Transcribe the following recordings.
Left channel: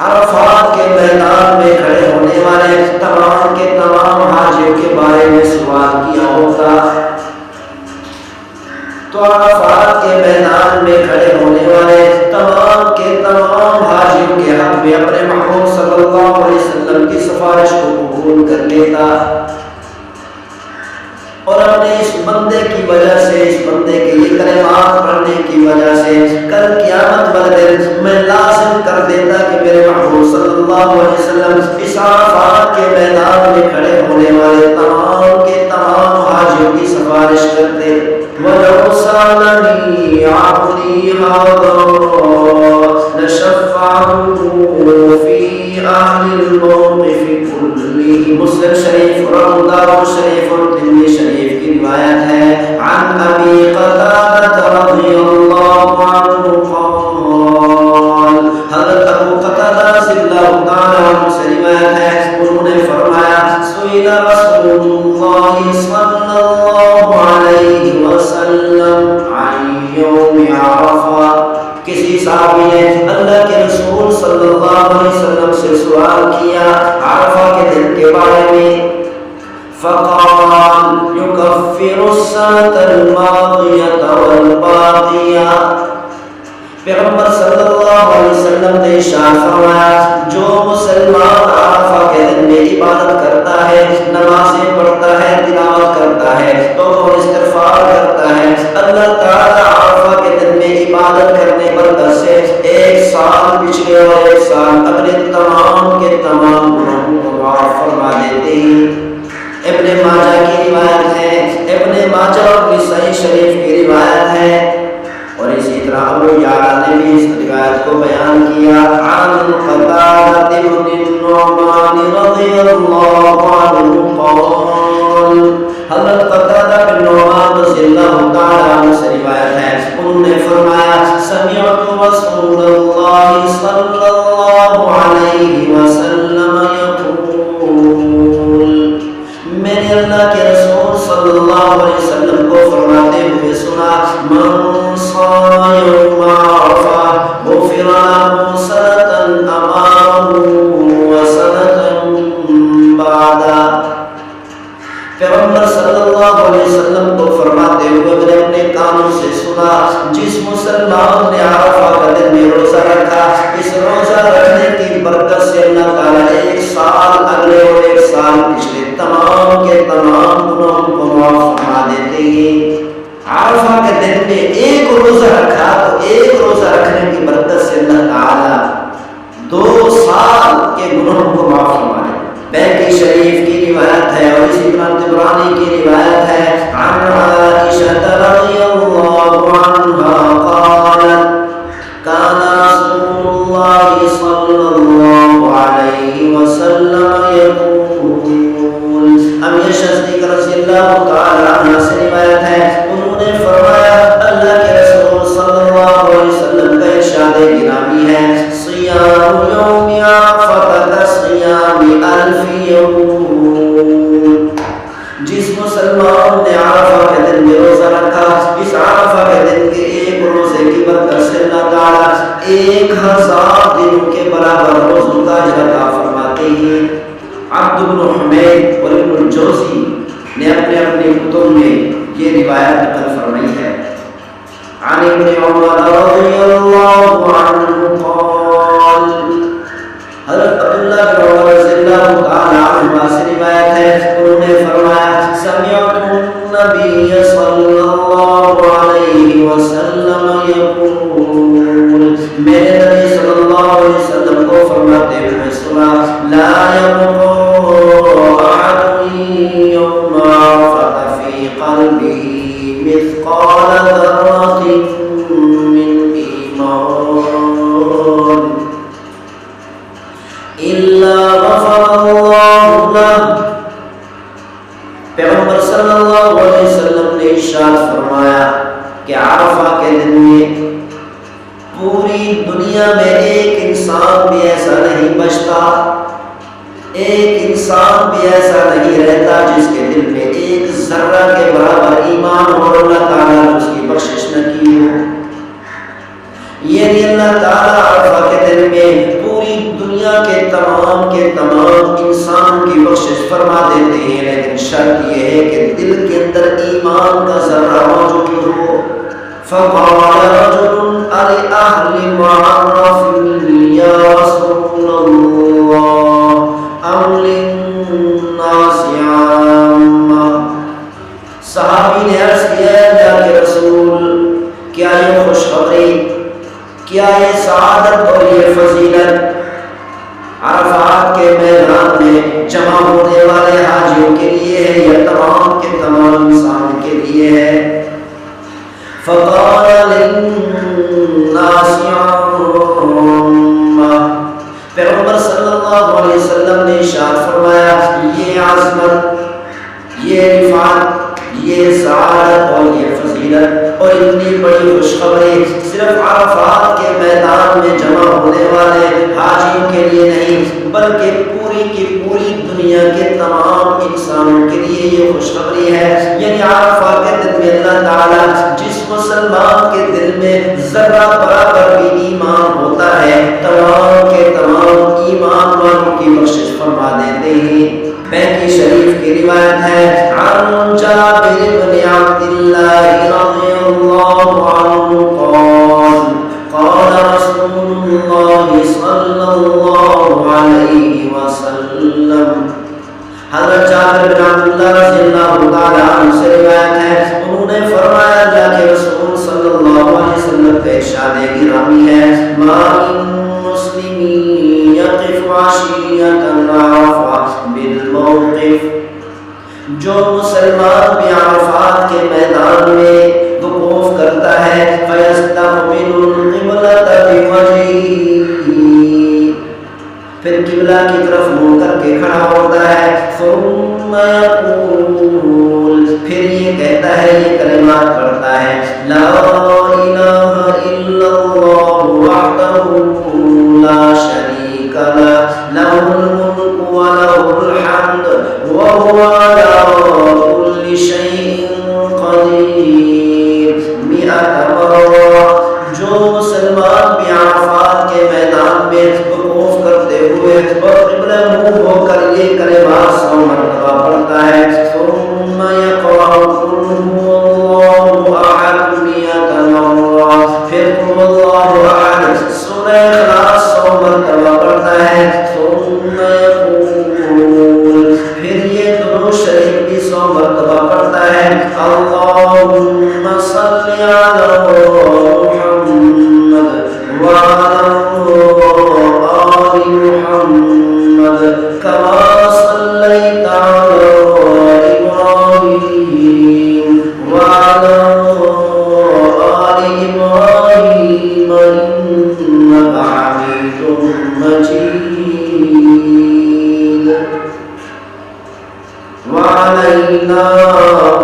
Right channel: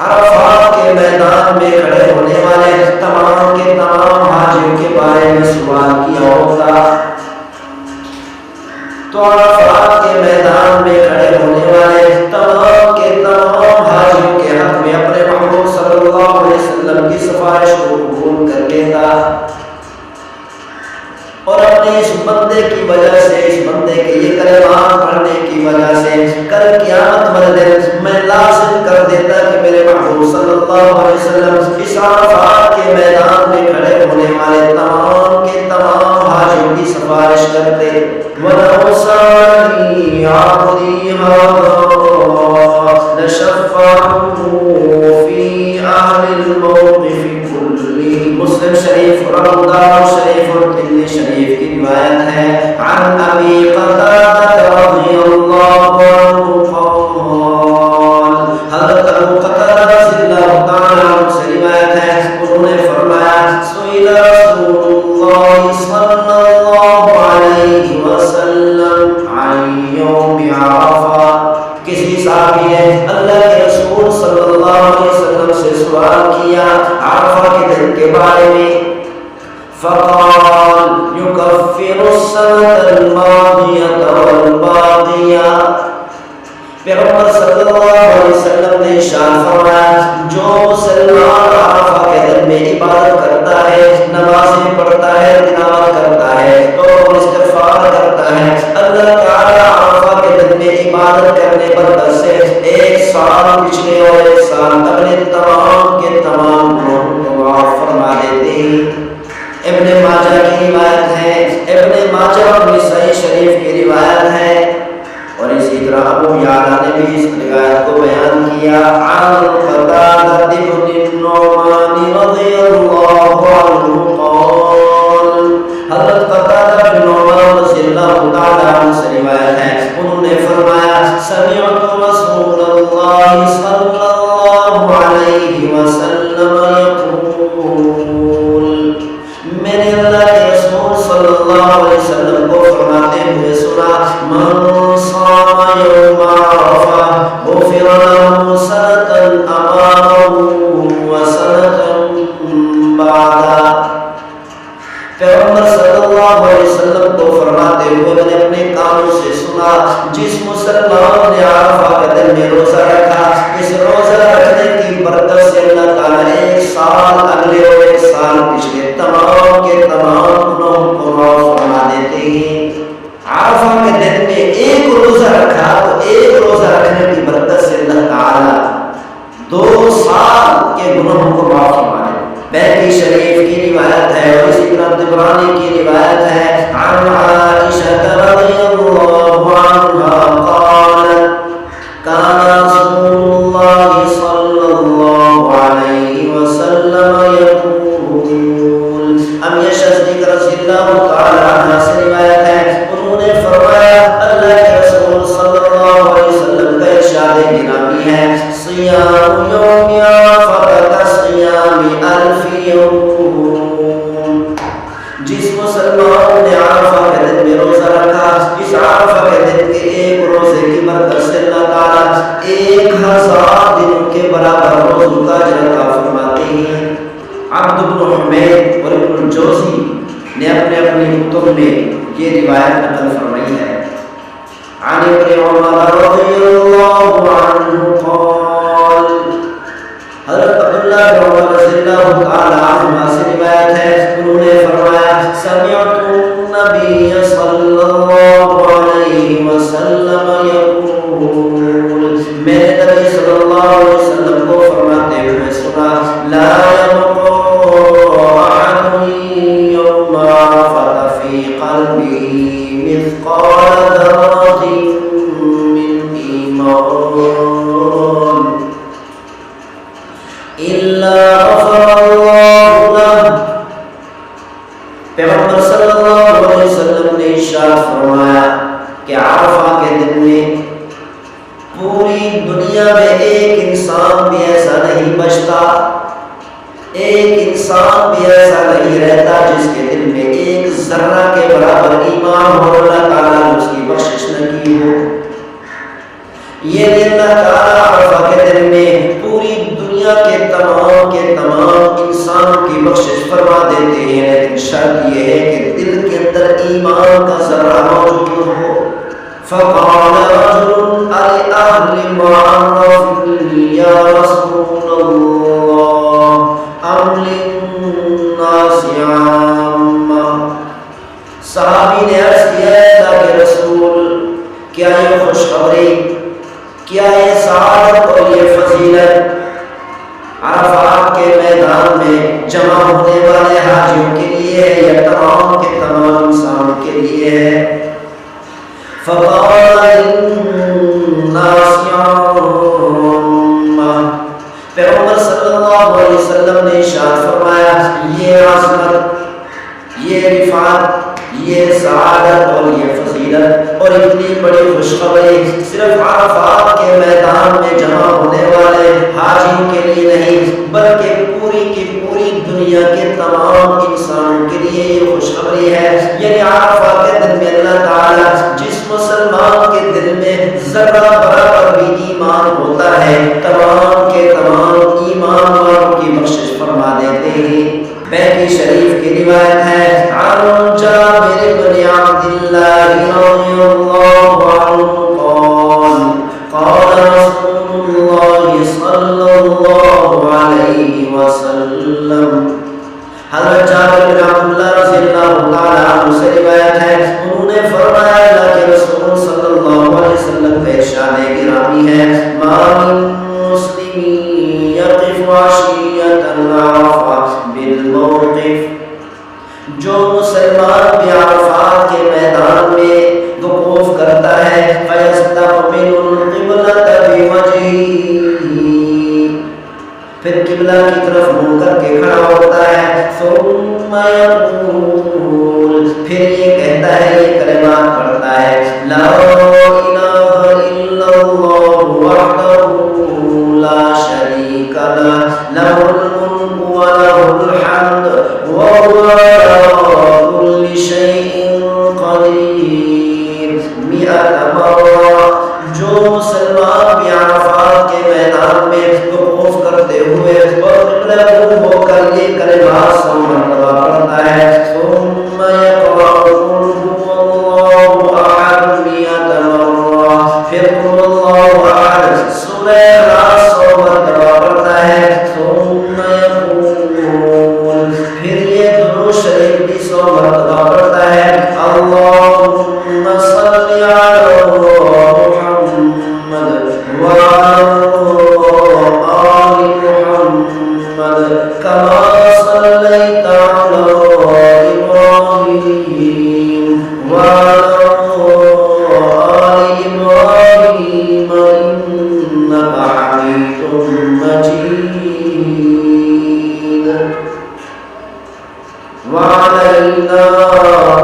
عرفات کے میدان میں کھڑے ہونے والے تمام کے تمام حاجیوں کے بارے میں سوال کیا ہوتا تو عرفات کے میدان میں کھڑے ہونے والے تمام کے تمام حاجیوں کے حق میں اپنے محبوب صلی اللہ علیہ وسلم کی سفارش کو قبول کر لیتا اور اپنے اس بندے کی وجہ سے، اس بندے کے یہ کلمات پڑھنے کی وجہ سے کل قیامت والے دن میں لازم کر دیتا کہ میرے محبوب صلی اللہ علیہ وسلم اس عرفات کے میدان میں کھڑے ہونے والے تمام کے تمام حاجیوں کی سفارش کرتے۔ وَلَوْ سَأَلَنِي عَبْدِي هَذَا لَشَفَّعْتُهُ فِي أَهْلِ الْمَوْقِفِ كُلِّهِ۔ مسلم شریف اور ابو داؤد شریف اور ترمذی شریف کی روایت ہے عن ابی قتادہ رضی اللہ عنہ قال، حضرت ابو قتادہ رضی اللہ تعالی عنہ سے روایت ہے، انہوں نے فرمایا سئل رسول اللہ صلی اللہ علیہ وسلم عن یوم عرفہ، کسی صحابی نے اللہ کے رسول صلی اللہ علیہ وسلم سے سوال کیا عرفہ کے دن کے بارے میں، فقال يكفر السنة الماضية والباقية، پیغمبر صلی اللہ علیہ وسلم نے ارشاد فرمایا جو مسلمان عرفہ کے دن میں عبادت کرتا ہے، نمازیں پڑھتا ہے، تلاوت کرتا ہے، توبہ و استغفار کرتا ہے، اللہ تعالی عرفہ کے دن میں عبادت کرنے پر دس سے ایک سال پچھلے اور ایک سال اگلے تمام کے تمام گناہوں کو معاف فرما دیتے ہیں۔ ابن ماجہ کی روایت ہے، ابن ماجہ اور نسائی شریف کی روایت ہے، اور اسی طرح ابو یعلا نے بھی اس روایت کو بیان کیا عن قتادہ بن النعمان رضی اللہ عنہ قال، حضرت قتادہ بن نعمان رضی اللہ تعالی عنہ سے روایت ہے، انہوں نے فرمایا سمعت رسول اللہ صلی اللہ علیہ وسلم یقول، میں نے اللہ کے رسول صلی اللہ علیہ وسلم کو فرماتے ہوئے سنا من صام یوم عرفہ غفر له سنة امامه وسنة بعدا، پیغمبر صلی اللہ علیہ وسلم کو فرماتے ہوئے میں نے اپنے کانوں سے سنا جس مسلمان نے عرفہ کا دن میں روزہ رکھا، اس روزہ رکھنے کی برکت سے اللہ تعالیٰ ایک سال اگلے اور ایک سال پچھلے تمام کے تمام گناہوں کو معاف فرما دیتے ہیں۔ عرفہ کے دن میں ایک روزہ رکھا تو ایک روزہ رکھنے کی برکت سے اللہ تعالیٰ 2 سال کے گناہوں کو معاف فرما دیتے ہیں۔ بیہقی شریف کی روایت ہے اور اسی طرح طبرانی کی روایت ہے عن عائشہ رضی اللہ عنہا قالت کان رسول اللہ صلی اللہ علیہ وسلم یقول، امی صدیقہ رضی اللہ تعالی عنہ سے روایت ہے، انہوں نے فرمایا اللہ کے رسول صلی اللہ علیہ وسلم کا ارشاد گرامی ہے صیام یوم عرفہ کصیام الف یوم، جس مسلمان نے عرفہ کے دن میں روزہ رکھا، اس عرفہ کے دن کے ایک روزے کی برکت سے اللہ تعالیٰ 1000 دنوں کے برابر روزوں کا اجر عطا فرماتے ہیں۔ عبد بن حمید اور ابن الجوزی نے اپنے اپنی کتب میں یہ روایت نقل فرمائی ہے۔ عن ابن عمر رضی اللہ عنہ قال، حضرت عبداللہ بن عمر رضی اللہ تعالی عنہما سے روایت ہے، انہوں نے فرمایا سمعت النبی صلی اللہ علیہ وسلم یقول، میں نے نبی صلی اللہ علیہ وسلم کو فرماتے ہوئے سنا لا یبقى احد یوم عرفہ فی قلبه مثقال ذرة من ایمان الا غفر اللہ له، پیغمبر صلی اللہ علیہ وسلم نے ارشاد فرمایا کہ عرفہ کے دن میں پوری دنیا میں ایک انسان بھی ایسا نہیں بچتا، ایک انسان بھی ایسا نہیں رہتا جس کے دل میں ایک ذرہ کے برابر ایمان ہو اور اللہ تعالیٰ نے اس کی بخشش نہ کی ہو، یہ نہیں اللہ تعالیٰ عرفہ کے دن میں پوری دنیا کے تمام انسانوں کی بخشش فرما دیتے ہیں، لیکن شرط یہ ہے کہ دل کے اندر ایمان کا ذرہ موجود ہو۔ فقال رجل لأهل معرف یا رسول اللہ ام للناس عامہ، صحابی نے عرض کیا ہے اللہ کے رسول، کیا یہ خوشخبری، کیا یہ سعادت اور یہ فضیلت عرفات کے میدان میں جمع ہونے والے حاجیوں کے لیے ہے یا تمام کے تمام انسانوں کے لیے ہے؟ فقال للناس عامہ، پیغمبر صلی اللہ علیہ وسلم نے ارشاد فرمایا یہ عظمت، یہ رفعت، یہ سعادت اور یہ فضیلت اور اتنی بڑی خوشخبری صرف عرفات کے میدان میں جمع ہونے والے حاجیوں کے لیے نہیں، بلکہ پوری کی پوری دنیا کے تمام انسانوں کے لیے یہ خوشخبری ہے۔ یعنی عرفہ کے دن میں اللہ تعالیٰ جس مسلمان کے دل میں ذرہ برابر بھی ایمان ہوتا ہے، تمام کے تمام ایمان والوں کی بخشش فرما دیتے ہیں۔ بیکی شریف کی روایت ہے عن جابر بن عبد اللہ رضی اللہ عنہ قال قال رسول اللہ صلی اللہ علیہ وسلم، حضرت جابر بن عبداللہ رضی اللہ تعالی عنہ سے روایت ہے، انہوں نے فرمایا اللہ کے رسول صلی اللہ علیہ وسلم کا ارشاد گرامی ہے ما من مسلم یقف عشیۃ عرفہ بالموقف، جو مسلمان بھی عرفات کے میدان میں وقوف کرتا ہے فیستقبل القبلۃ بوجہہ، پھر قبلہ کی طرف منہ کر کے کھڑا ہوتا ہے، ثم یقول، پھر یہ کہتا ہے، یہ کلمات پڑھتا ہے لا الہ الا اللہ وحدہ لا شریک لہ لہ الملک ولہ الحمد وہو علی کل شیء قدیر 100 مرہ۔ جو مسلمان بھی عرفات کے میدان میں وقوف کرتے ہوئے اور قبلہ منہ ہو کر یہ کلمات 100 مرتبہ پڑھتا ہے، ثم یقرأ قل هو اللہ احد 100 مرہ، پھر قل اللہ احد سورہ اخلاص 100 مرتبہ پڑھتا ہے، ثم یقول، پھر یہ درود شریف بھی 100 مرتبہ پڑھتا ہے، اللہم صلی علی محمد وعلی آل محمد کما صلیت علی ابراہیم وعلی آل ابراہیم انک حمید مجید وعلینا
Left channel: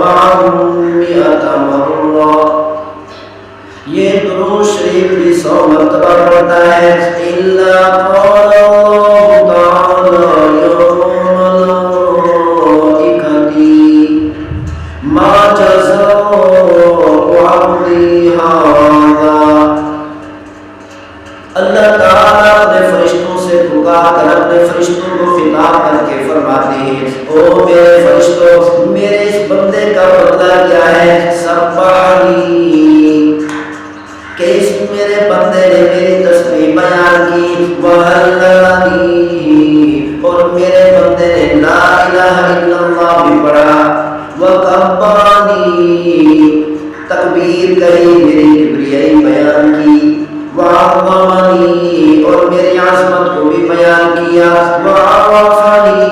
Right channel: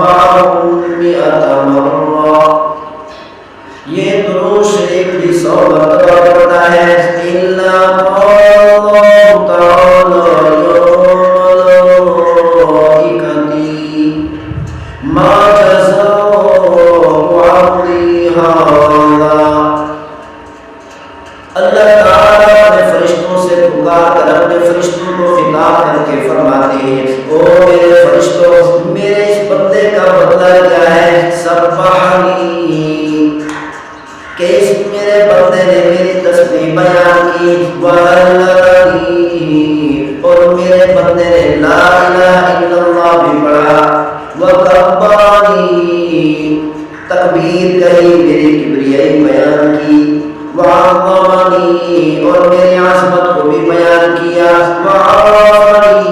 معهم 100 مرہ۔ یہ درود شریف بھی 100 مرتبہ پڑھتا ہے، الا قال اللہ تعالی یوم الملائکتی ما جزاء عبدی ھذا، اللہ تعالیٰ اپنے فرشتوں سے پکار کر اپنے فرشتوں کو خطاب کر کے فرماتے ہیں، او میرے فرشتوں، میرے اس بندے کا بدلہ کیا ہے؟ سبحانی، کہ اس میرے بندے نے میری تسبیح بیان کی، وحللنی، اور میرے بندے نے لا الہ الا اللہ بھی پڑھا، وکبرنی، تکبیر کہی، میری کبریائی بیان کی، وعظمنی، اور میری عظمت کو بھی بیان کیا، وعرفنی،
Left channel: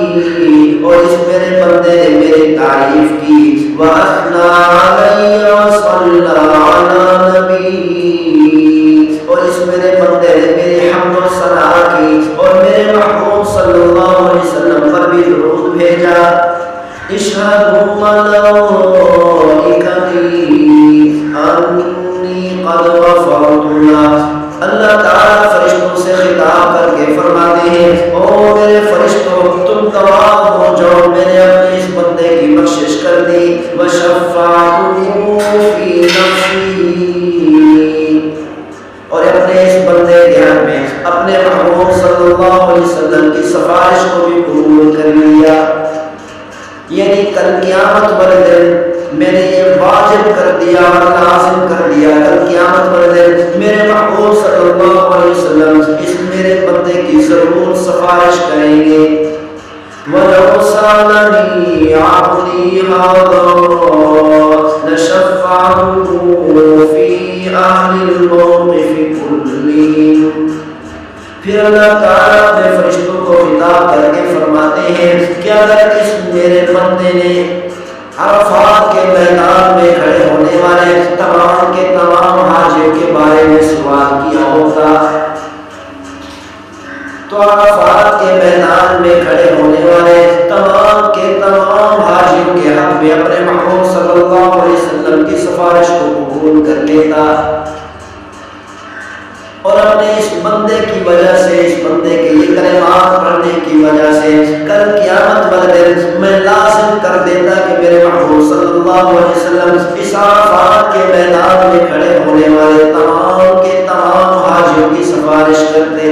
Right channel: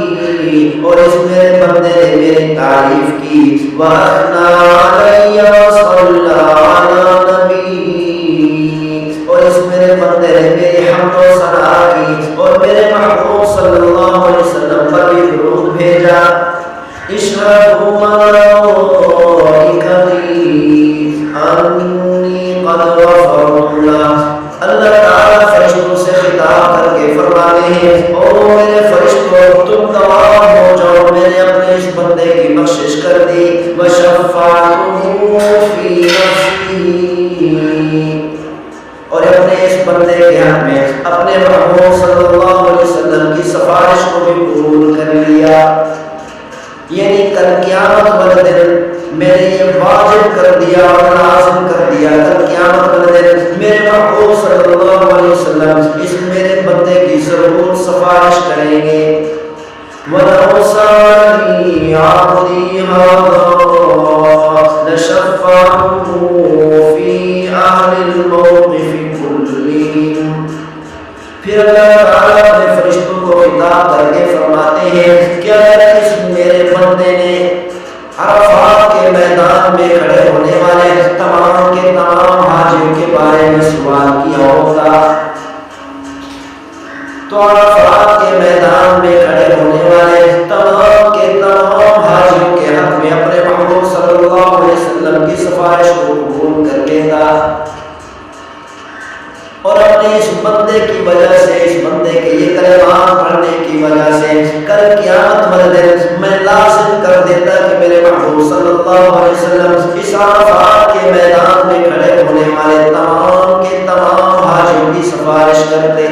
اور اس میرے بندے نے میری تعریف کی، وَأَثْنَى عَلَيَّ وَصَلَّى عَلَى نَبِيِّ، اور اس میرے بندے نے میری حمد و ثنا کی اور میرے محبوب صلی اللہ علیہ وسلم پر بھی درود بھیجا۔ اشہدوا ملائکتی انی قد غفرت لہ، اللہ تعالیٰ فرشتوں سے خطاب کر کے فرماتے ہیں، او میرے فرشتوں، تم گواہ ہو جاؤ، میں نے اپنے اس بندے کی بخشش کر دی، وشفاعتہ فی نفسی، اور اپنے بندے کے حق میں اپنے محبوب صلی اللہ علیہ وسلم کی سفارش کو بھی قبول کر لیا، یعنی کل قیامت والے دن میں نے یہ واجب کر دیا اور لازم کر دیا، کل قیامت والے دن میرے محبوب صلی اللہ علیہ وسلم اس میرے بندے کی ضرور سفارش کریں گے۔ وَلَوْ سَأَلَنِي عَبْدِي هَذَا لَشَفَّعْتُهُ فِي أَهْلِ الْمَوْقِفِ كُلِّهِمْ۔ پھر اللہ تعالیٰ اپنے فرشتوں کو خطاب کر کے فرماتے ہیں کہ اگر اس میرے بندے نے عرفات کے میدان میں کھڑے ہونے والے تمام کے تمام حاجیوں کے بارے میں سوال کیا ہوتا تو عرفات کے میدان میں کھڑے ہونے والے تمام کے تمام حاجیوں کے حق میں اپنے محبوب صلی اللہ علیہ وسلم کی سفارش کو قبول کر لیتا، اور اپنے اس بندے کی وجہ سے، اس بندے کے یہ کلمات پڑھنے کی وجہ سے کل قیامت والے دن میں لازم کر دیتا کہ میرے محبوب صلی اللہ علیہ وسلم اس عرفات کے میدان میں کھڑے ہونے والے تمام کے تمام حاجیوں کی سفارش کرتے۔